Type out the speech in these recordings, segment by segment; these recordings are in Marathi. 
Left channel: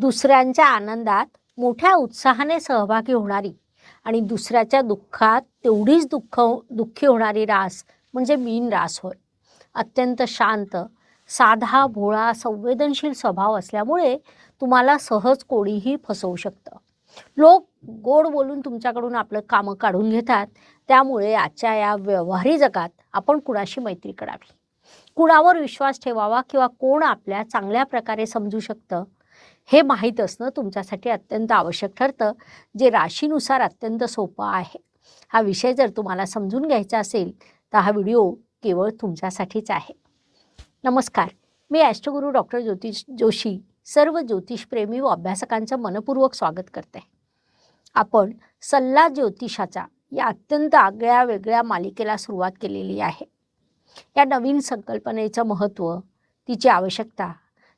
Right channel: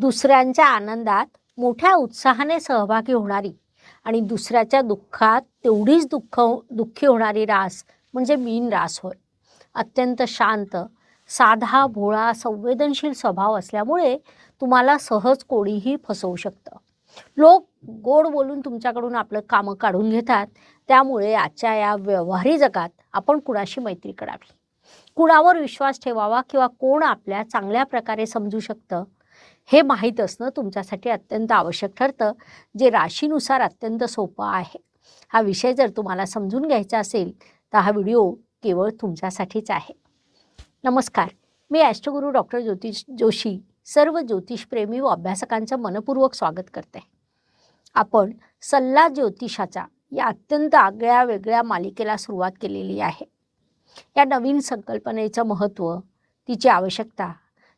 दुसऱ्यांच्या आनंदात मोठ्या उत्साहाने सहभागी होणारी आणि दुसऱ्याच्या दुःखात तेवढीच दुःख दुःखी होणारी रास म्हणजे मीन रास होय. अत्यंत शांत साधा भोळा संवेदनशील स्वभाव असल्यामुळे तुम्हाला सहज कोणीही फसवू शकतं. लोक गोड बोलून तुमच्याकडून आपलं कामं काढून घेतात. त्यामुळे आजच्या या व्यवहारी जगात आपण कुणाशी मैत्री करावी? कुणावर विश्वास ठेवावा किंवा कोण आपल्या चांगल्या प्रकारे समजू शकतं? हे माहीत असणं तुमच्यासाठी अत्यंत आवश्यक ठरतं. जे राशीनुसार अत्यंत सोपं आहे. हा विषय जर तुम्हाला समजून घ्यायचा असेल तर हा व्हिडिओ केवळ तुमच्यासाठीच आहे. नमस्कार. मी अष्टगुरू डॉक्टर ज्योतिष जोशी सर्व ज्योतिषप्रेमी व अभ्यासकांचं मनपूर्वक स्वागत करते. आपण सल्ला ज्योतिषाचा या अत्यंत आगळ्या वेगळ्या मालिकेला सुरुवात केलेली आहे. या नवीन संकल्पनेचं महत्त्व तिची आवश्यकता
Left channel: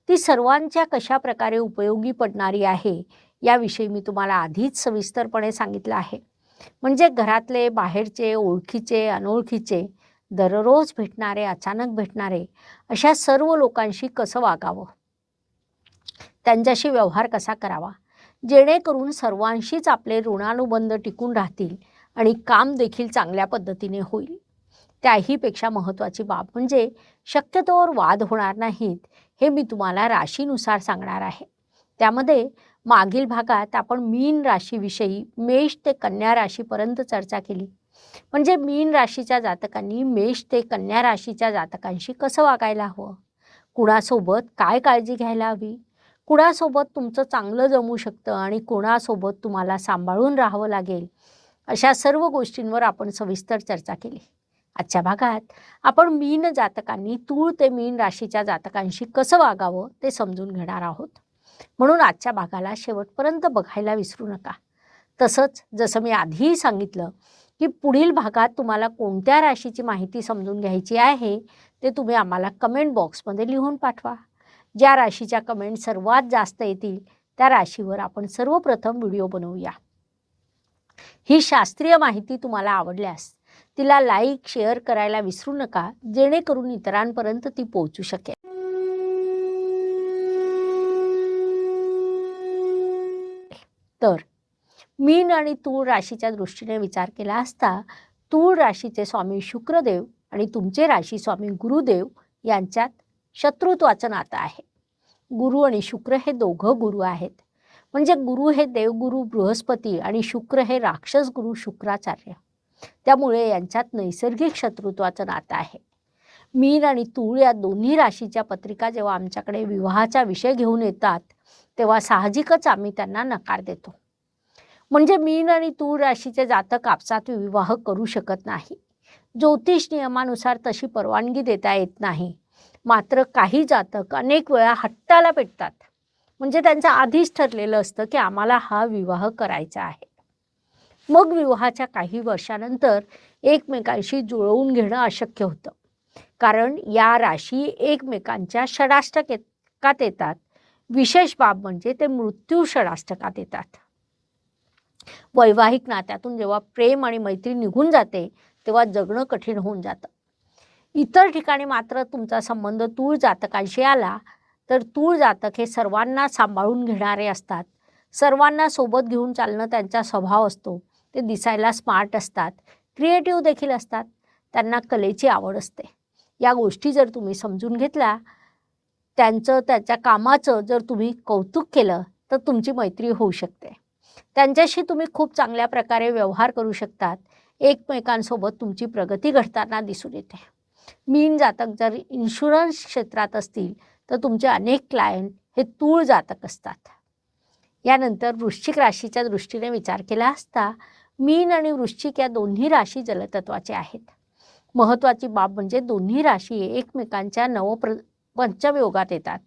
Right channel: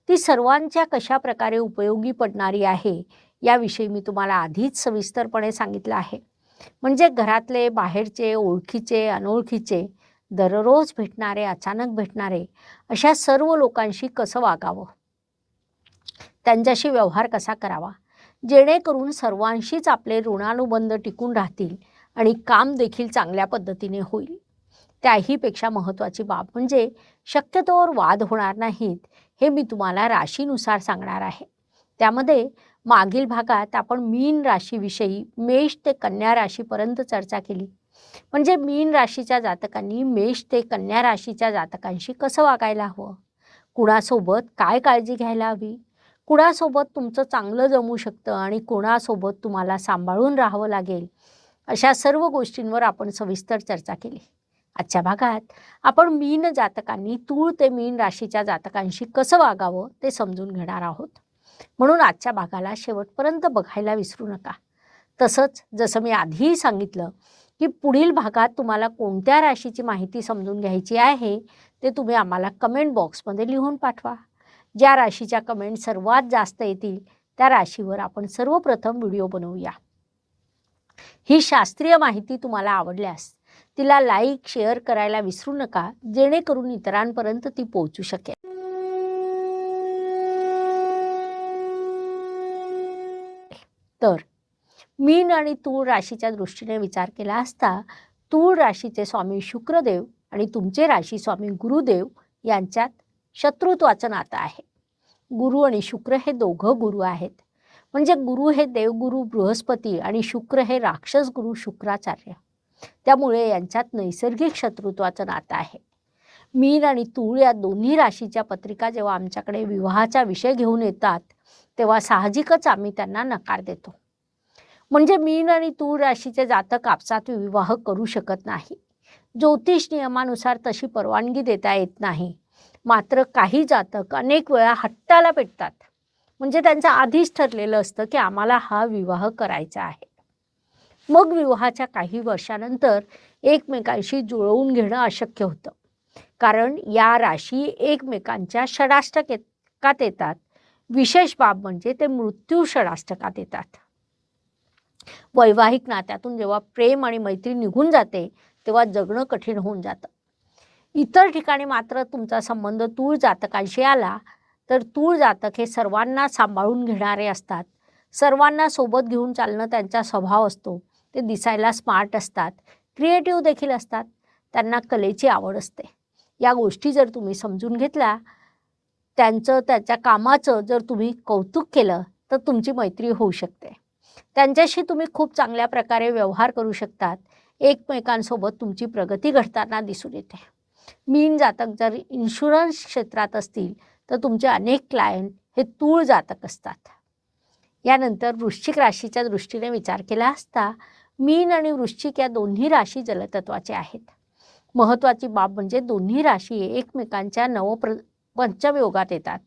ती सर्वांच्या कशा प्रकारे उपयोगी पडणारी आहे याविषयी मी तुम्हाला आधीच सविस्तरपणे सांगितलं आहे. म्हणजे घरातले बाहेरचे ओळखीचे अनोळखीचे दररोज भेटणारे अचानक भेटणारे अशा सर्व लोकांशी कसं वागावं? त्यांच्याशी व्यवहार कसा करावा? जेणेकरून सर्वांशीच आपले ऋणानुबंध टिकून राहतील आणि काम देखील चांगल्या पद्धतीने होईल. त्याहीपेक्षा महत्त्वाची बाब म्हणजे शक्यतोवर वाद होणार नाहीत हे मी तुम्हाला राशीनुसार सांगणार आहे. त्यामध्ये मागील भागात आपण मीन राशीविषयी मेष ते कन्या राशीपर्यंत चर्चा केली. म्हणजे मीन राशीच्या जातकांनी मेष ते कन्या राशीच्या जातकांशी कसं वागायला हवं? कुणासोबत काय काळजी घ्यायला हवी? कुणासोबत तुमचं चांगलं जमू शकतं आणि कुणासोबत तुम्हाला सांभाळून राहावं लागेल? अशा सर्व गोष्टींवर आपण सविस्तर चर्चा केली. आजच्या भागात. आपण मीन जातकांनी तूळ ते मीन राशीच्या जातकांशी कसं वागावं ते समजून घेणार आहोत. म्हणून आजच्या भागाला शेवटपर्यंत बघायला विसरू नका. तसंच जसं मी आधीही सांगितलं की पुढील भागात तुम्हाला कोणत्या राशीची माहिती समजून घ्यायची आहे ती तुम्ही आम्हाला कमेंट बॉक्समध्ये लिहून पाठवा. ज्या राशीच्या कमेंट सर्वात जास्त येतील त्या राशीवर आपण सर्वप्रथम व्हिडिओ बनवूया. ही शास्त्रीय माहिती तुम्हाला आवडल्यास तिला लाईक शेअर करायला विसरू नका जेणेकरून इतरांपर्यंत ती पोहोचू शकेल. तर मीन आणि तूळ राशीच्या दृष्टीने विचार केला असता तूळ राशीचे स्वामी शुक्रदेव आणि तुमचे राशी स्वामी गुरुदेव यांच्यात शत्रुत्वाचं नातं आहे. गुरु आणि शुक्र हे दोघं गुरु आहेत. म्हणजे गुरु हे देवगुरु बृहस्पती आणि शुक्र हे राक्षस गुरु शुक्राचार्य. त्यामुळे यांच्यात नैसर्गिक शत्रुत्वाचं नातं आहे. मीन आणि तूळ या दोन्ही राशीच्या पत्रिका जेव्हा आमच्याकडे विवाहाचा विषय घेऊन येतात तेव्हा साहजिकच आम्ही त्यांना नकार देतो. म्हणजे मीन आणि तूळ राशीचे जातक आपसात विवाह करू शकत नाही. ज्योतिष नियमानुसार तशी परवानगी देता येत नाही. मात्र काही जातक अनेक वेळा हट्टाला पेटतात. म्हणजे त्यांचं आधीच ठरलेलं असतं की आम्हाला हा विवाह करायचा आहे. मग विवाहाच्या काही वर्षानंतर एकमेकांशी जुळवून घेणं अशक्य होतं. कारण या राशी एकमेकांच्या षडाष्टकात येतात. विशेष बाब म्हणजे ते मृत्यू षडाष्टकात येतात. वैवाहिक नात्यातून जेव्हा प्रेम आणि मैत्री निघून जाते तेव्हा जगणं कठीण होऊन जातं. इतर ठिकाणी मात्र तुमचा संबंध तूळ जातकांशी आला तर तूळ जातक हे सर्वांना सांभाळून घेणारे असतात. सर्वांना सोबत घेऊन चालणं त्यांचा स्वभाव असतो. ते दिसायला स्मार्ट असतात. क्रिएटिव्ह देखील असतात. त्यांना कलेची आवड असते. या गोष्टी जर तुम्ही समजून घेतल्या त्यांचं त्याच्या कामाचं जर तुम्ही कौतुक केलं तर तुमची मैत्री होऊ शकते. त्यांच्याशी तुम्ही खूप चांगल्या प्रकारे व्यवहार करू शकतात. एकमेकांसोबत तुमची प्रगती घडताना दिसून येते. मीन जातक जर इन्शुरन्स क्षेत्रात असतील तर तुमचे अनेक क्लायंट हे तूळ जातक असतात. यानंतर वृश्चिक राशीच्या दृष्टीने विचार केला असता मीन आणि वृश्चिक या दोन्ही राशी जलतत्वाचे आहेत. महत्त्वाची बाब म्हणजे दोन्ही राशी एकमेकांच्या नवप्र पंचमयोगात येतात.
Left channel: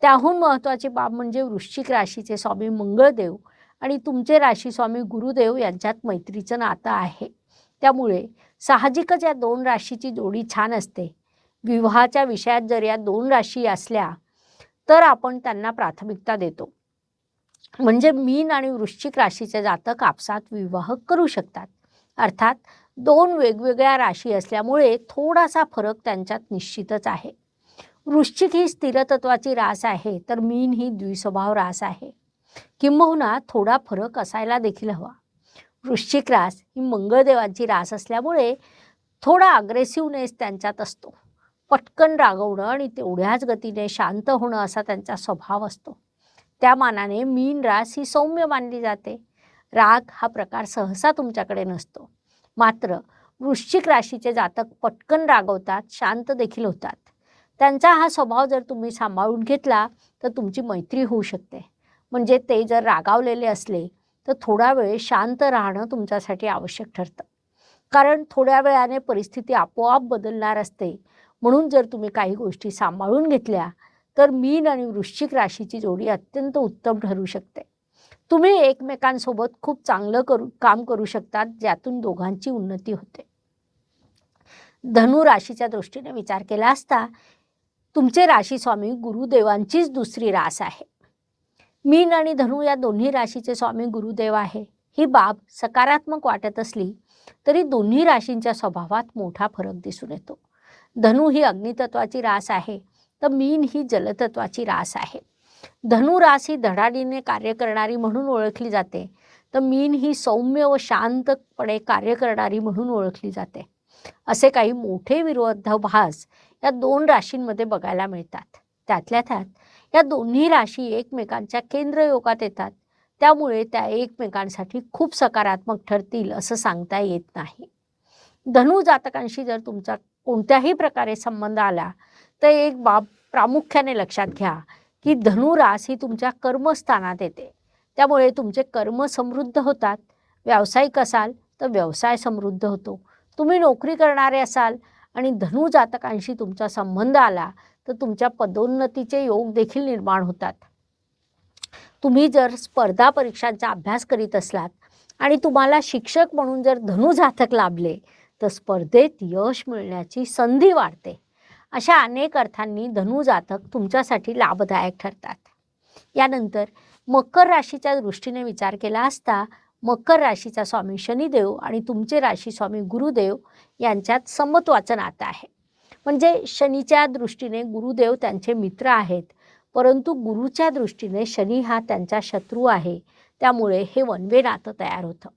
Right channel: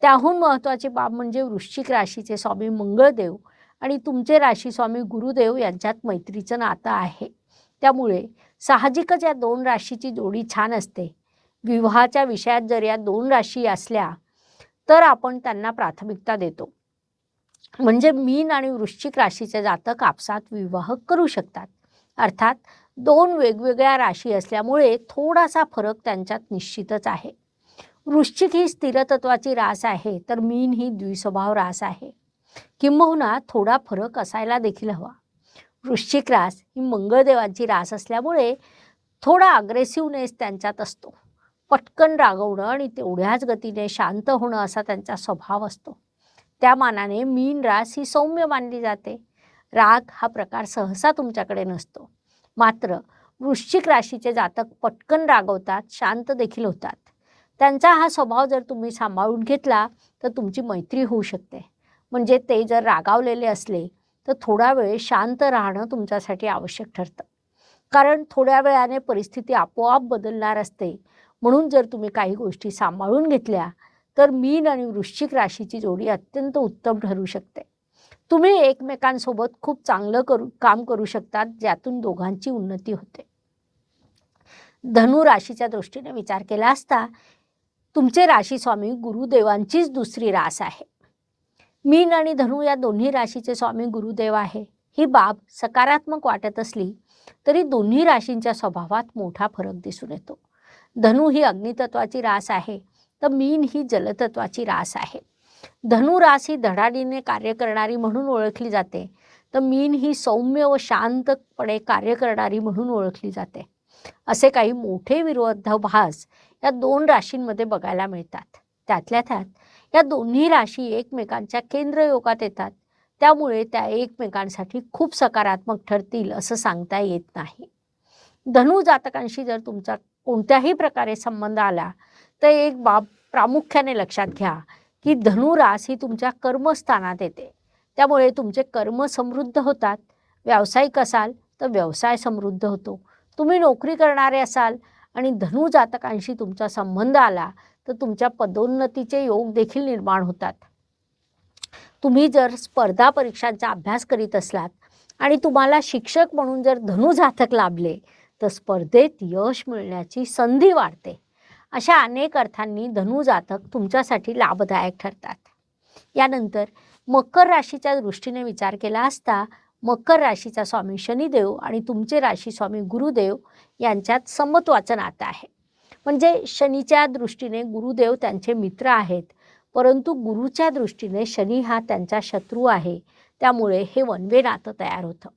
त्याहून महत्त्वाची बाब म्हणजे वृश्चिक राशीचे स्वामी मंगळदेव आणि तुमचे राशी स्वामी गुरुदेव यांच्यात मैत्रीचं नातं आहे. त्यामुळे साहजिकच या दोन राशीची जोडी छान असते. विवाहाच्या विषयात जर या दोन राशी असल्या तर आपण त्यांना प्राथमिकता देतो. म्हणजे मीन आणि वृश्चिक राशीचं जातक कापसात विवाह करू शकतात. अर्थात दोन वेगवेगळ्या राशी असल्यामुळे थोडासा फरक त्यांच्यात निश्चितच आहे. वृश्चिक ही स्थिरतत्वाची रास आहे तर मीन ही द्विस्वभाव रास आहे. किंबहुना थोडा फरक असायला देखील हवा. वृश्चिक रास ही मंगळदेवांची रास असल्यामुळे थोडा अग्रेसिव्हनेस त्यांच्यात असतो. पटकन रागवणं आणि तेवढ्याच गतीने शांत होणं असा त्यांचा स्वभाव असतो. त्या मानाने मीन रास ही सौम्य मानली जाते. राग हा प्रकार सहसा तुमच्याकडे नसतो. मात्र वृश्चिक राशीचे जातक पटकन रागवतात शांत देखील होतात. त्यांचा हा स्वभाव जर तुम्ही सांभाळून घेतला तर तुमची मैत्री होऊ शकते. म्हणजे ते जर रागावलेले असले तर थोडा वेळ शांत राहणं तुमच्यासाठी आवश्यक ठरतं. कारण थोड्या वेळाने परिस्थिती आपोआप बदलणार असते. म्हणून जर तुम्ही काही गोष्टी सांभाळून घेतल्या तर मीन आणि वृश्चिक राशीची जोडी अत्यंत उत्तम ठरू शकते. तुम्ही एकमेकांसोबत खूप चांगलं करू काम करू शकतात ज्यातून दोघांची उन्नती होते. धनु राशीच्या दृष्टीने विचार केला असता तुमचे राशी स्वामी गुरुदेवांचीच दुसरी रास आहे. मीन आणि धनु या दोन्ही राशीचे स्वामी गुरुदेव आहे. ही बाब सकारात्मक वाटत असली तरी दोन्ही राशींच्या स्वभावात मोठा फरक दिसून येतो. धनु ही अग्नितत्वाची रास आहे. तर मीन ही जलतत्वाची रास आहे. धनुरास ही धडाडीने कार्य करणारी म्हणून ओळखली जाते. तर मीन ही सौम्य व शांतपणे कार्य करणारी म्हणून ओळखली जाते. असे काही मोठे विरोधाभास या दोन राशींमध्ये बघायला मिळतात. त्यातल्या त्यात या दोन्ही राशी एकमेकांच्या केंद्रयोगात येतात. त्यामुळे त्या एकमेकांसाठी खूप सकारात्मक ठरतील असं सांगता येत नाही. धनु जातकांशी जर तुमचा कोणत्याही प्रकारे संबंध आला तर एक बाब प्रामुख्याने लक्षात घ्या की धनुरास ही तुमच्या कर्मस्थानात येते. त्यामुळे तुमचे कर्म समृद्ध होतात. व्यावसायिक असाल तर व्यवसाय समृद्ध होतो. तुम्ही नोकरी करणारे असाल आणि धनु जातकांशी तुमचा संबंध आला तर तुमच्या पदोन्नतीचे योग देखील निर्माण होतात. तुम्ही जर स्पर्धा परीक्षांचा अभ्यास करीत असलात आणि तुम्हाला शिक्षक म्हणून जर धनु जातक लाभले तर स्पर्धेत यश मिळण्याची संधी वाढते. अशा अनेक अर्थांनी धनु जातक तुमच्यासाठी लाभदायक ठरतात. यानंतर मकर राशीच्या दृष्टीने विचार केला असता मकर राशीचा स्वामी शनिदेव आणि तुमचे राशी स्वामी गुरुदेव यांच्यात समत्वाचं नातं आहे. म्हणजे शनीच्या दृष्टीने गुरुदेव त्यांचे मित्र आहेत परंतु गुरुच्या दृष्टीने शनी हा त्यांचा शत्रू आहे. त्यामुळे हे वनवे नातं तयार होतं.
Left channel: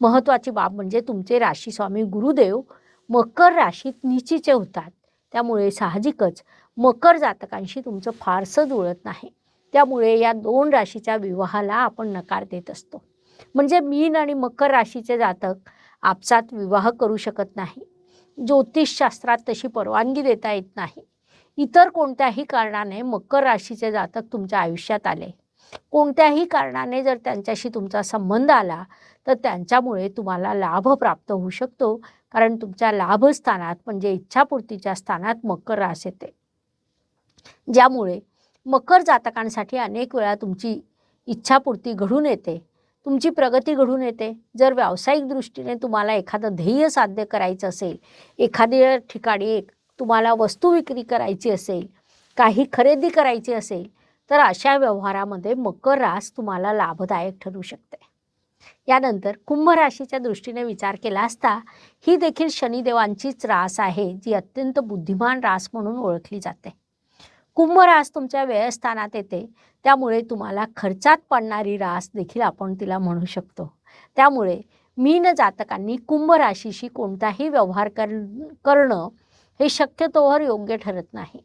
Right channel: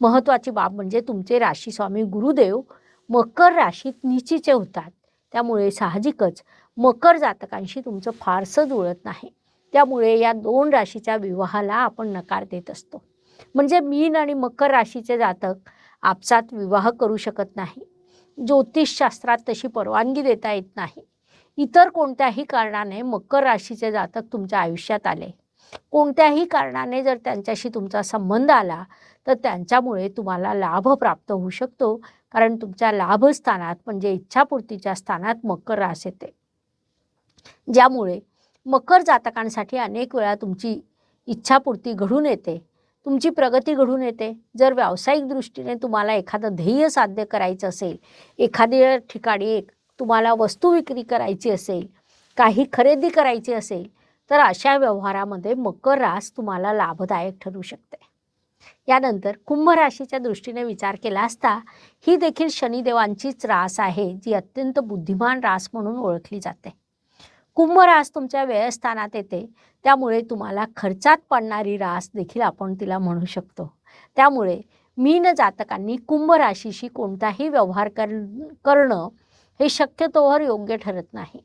महत्त्वाची बाब म्हणजे तुमचे राशी स्वामी गुरुदेव मकर राशीत निचीचे होतात. त्यामुळे साहजिकच मकर जातकांशी तुमचं फारसं जुळत नाही. त्यामुळे या दोन राशीच्या विवाहाला आपण नकार देत असतो. म्हणजे मीन आणि मकर राशीचे जातक आपसात विवाह करू शकत नाही. ज्योतिषशास्त्रात तशी परवानगी देता येत नाही. इतर कोणत्याही कारणाने मकर राशीचे जातक तुमच्या आयुष्यात आले. कोणत्याही कारणाने जर त्यांच्याशी तुमचा संबंध आला तर त्यांच्यामुळे तुम्हाला लाभ प्राप्त होऊ शकतो. कारण तुमच्या लाभस्थानात म्हणजे इच्छापूर्तीच्या स्थानात मकर रास येते. ज्यामुळे मकर जातकांसाठी अनेक वेळा तुमची इच्छापूर्ती घडून येते. तुमची प्रगती घडून येते. जर व्यावसायिक दृष्टीने तुम्हाला एखादं ध्येय साध्य करायचं असेल एखाद्या ठिकाणी एक तुम्हाला वस्तू विक्री करायची असेल काही खरेदी करायची असेल तर अशा व्यवहारामध्ये मकर रास तुम्हाला लाभदायक ठरू शकते. यानंतर कुंभ राशीच्या दृष्टीने विचार केला असता ही देखील शनिदेवांचीच रास आहे जी अत्यंत बुद्धिमान रास म्हणून ओळखली जाते. कुंभ रास तुमच्या व्ययस्थानात येते त्यामुळे तुम्हाला खर्चात पडणारी रास देखील आपण तिला म्हणू शकतो. त्यामुळे मीन जातकांनी कुंभ राशीशी कोणताही व्यवहार कर करणं हे शक्यतोवर योग्य ठरत नाही.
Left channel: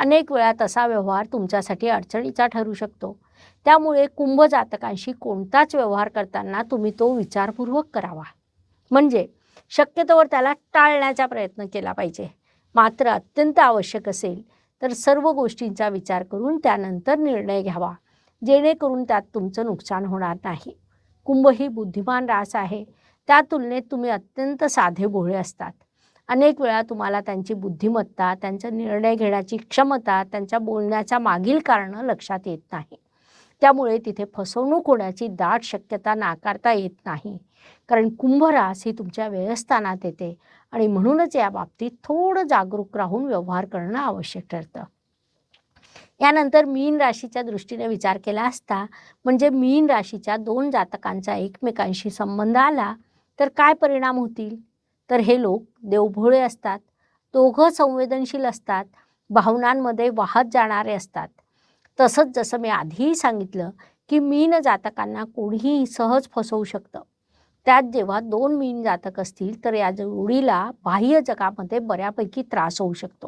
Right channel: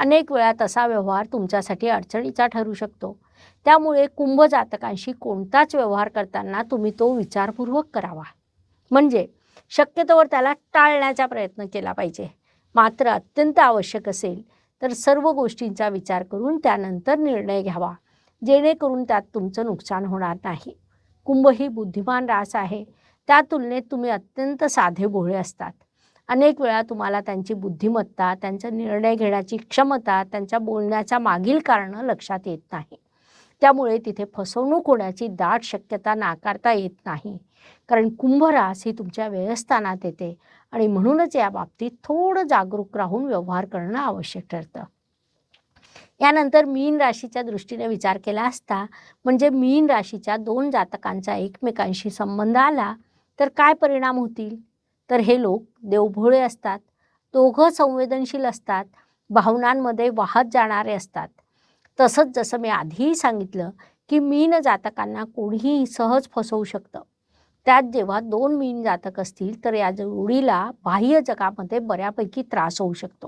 अनेक वेळा तसा व्यवहार तुमच्यासाठी अडचणीचा ठरू शकतो. त्यामुळे कुंभ जातकांशी कोणताच व्यवहार करताना तुम्ही तो विचारपूर्वक करावा. म्हणजे शक्यतोवर त्याला टाळण्याचा प्रयत्न केला पाहिजे. मात्र अत्यंत आवश्यक असेल तर सर्व गोष्टींचा विचार करून त्यानंतर निर्णय घ्यावा. जेणेकरून त्यात तुमचं नुकसान होणार नाही. कुंभ ही बुद्धिमान रास आहे. त्या तुलनेत तुम्ही अत्यंत साधे भोळे असतात. अनेक वेळा तुम्हाला त्यांची बुद्धिमत्ता त्यांचा निर्णय घेण्याची क्षमता त्यांच्या बोलण्याच्या मागील कारणं लक्षात येत नाही. त्यामुळे तिथे फसवणूक होण्याची दाट शक्यता नाकारता येत नाही. कारण कुंभरास ही तुमच्या व्यवस्थानात येते आणि म्हणूनच या बाबतीत थोडं जागरूक राहून व्यवहार करणं आवश्यक ठरतं. यानंतर मीन राशीच्या दृष्टीने विचार केला असता म्हणजे मीन राशीच्या दोन जातकांचा एकमेकांशी संबंध आला तर काय परिणाम होतील? तर हे लोक देवभोळे असतात. दोघं संवेदनशील असतात. भावनांमध्ये वाहत जाणारे असतात. तसंच जसं मी आधीही सांगितलं की मीन जातकांना कोणीही सहज फसवू शकतं. त्यात जेव्हा दोन मीन जातक असतील तर या जोडीला बाह्य जगामध्ये बऱ्यापैकी त्रास होऊ शकतो.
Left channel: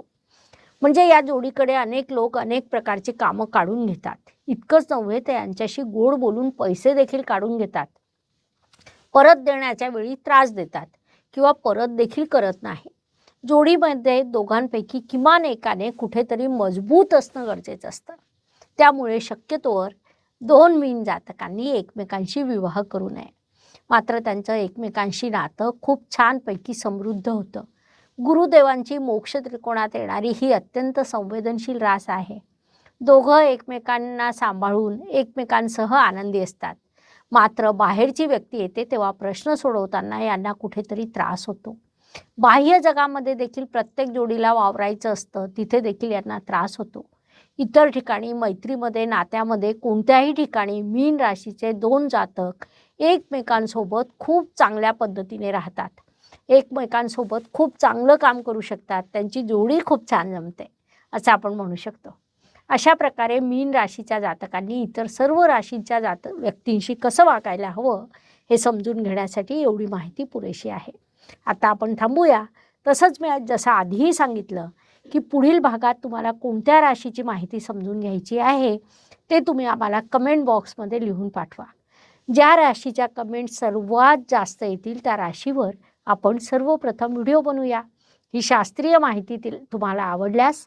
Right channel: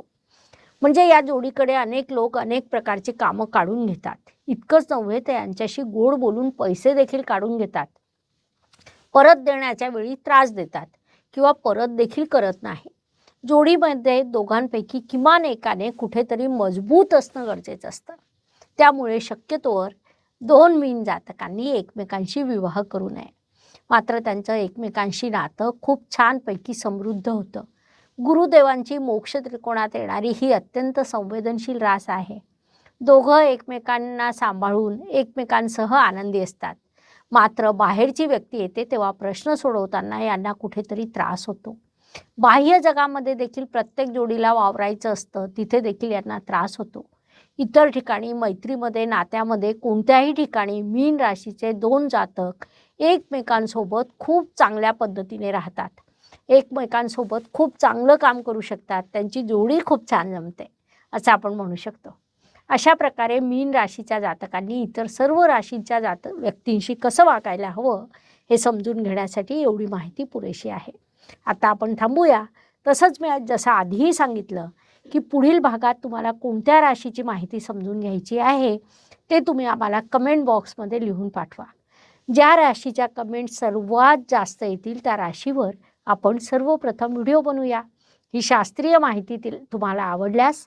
म्हणजे या जोडीकडे अनेक लोक अनेक प्रकारची कामं काढून घेतात. इतकंच नव्हे ते यांच्याशी गोड बोलून पैसे देखील काढून घेतात. परत देण्याच्या वेळी त्रास देतात. किंवा परत देखील करत नाही. जोडीमध्ये दोघांपैकी किमान एकाने कुठेतरी मजबूत असणं गरजेचं असतं. त्यामुळे शक्यतोवर दोन मीन जातकांनी एकमेकांशी विवाह करू नये. मात्र त्यांचं एकमेकांशी नातं खूप छानपैकी समृद्ध होतं. गुरुदेवांची मोक्ष त्रिकोणात येणारी ही अत्यंत संवेदनशील रास आहे. दोघं एकमेकांना सांभाळून एकमेकांसह आनंदी असतात. मात्र बाहेरची व्यक्ती येते तेव्हा प्रश्न सोडवताना यांना कुठेतरी त्रास होतो. बाह्य जगामध्ये देखील प्रत्येक जोडीला वावरायचं असतं तिथे देखील यांना त्रास होतो. इतर ठिकाणी मैत्रीमध्ये नात्यामध्ये कोणत्याही ठिकाणी मीन राशीचे दोन जातक एकमेकांसोबत खूप चांगल्या पद्धतीने राहतात. एकमेकांसोबत खूप चांगलं काम करू शकतात. त्यांची जोडी खूप छान जमते असं आपण म्हणू शकतो. अशा प्रकारे मीन राशीच्या जातकांनी इतर सर्व राशीच्या जात व्यक्तींशी कसं वागायला हवं हे समजून घेण्यासाठी एवढी माहिती पुरेशी आहे. आता आपण थांबूया. तसंच मी जसं आधीही सांगितलं की पुढील भागात तुम्हाला कोणत्या राशीची माहिती समजून घ्यायची आहे ते तुम्ही आम्हाला कमेंट बॉक्समध्ये लिहून पाठवा. ज्या राशीच्या कमेंट सर्वात जास्त येतील त्या राशीवर आपण सर्वप्रथम व्हिडिओ बनवूया. ही शास्त्रीय माहिती तुम्हाला आवडल्यास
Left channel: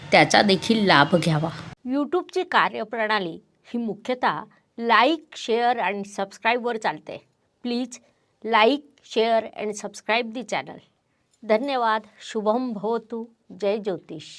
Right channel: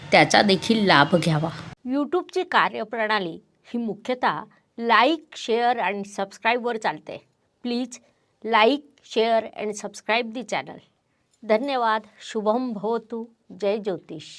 त्याचा देखील लाभ घ्यावा. यूट्यूबची कार्यप्रणाली ही मुख्यतः लाईक शेअर अँड सबस्क्राईबवर चालते. Please like share and subscribe the channel. धन्यवाद. शुभम भवतु. जय ज्योतिष.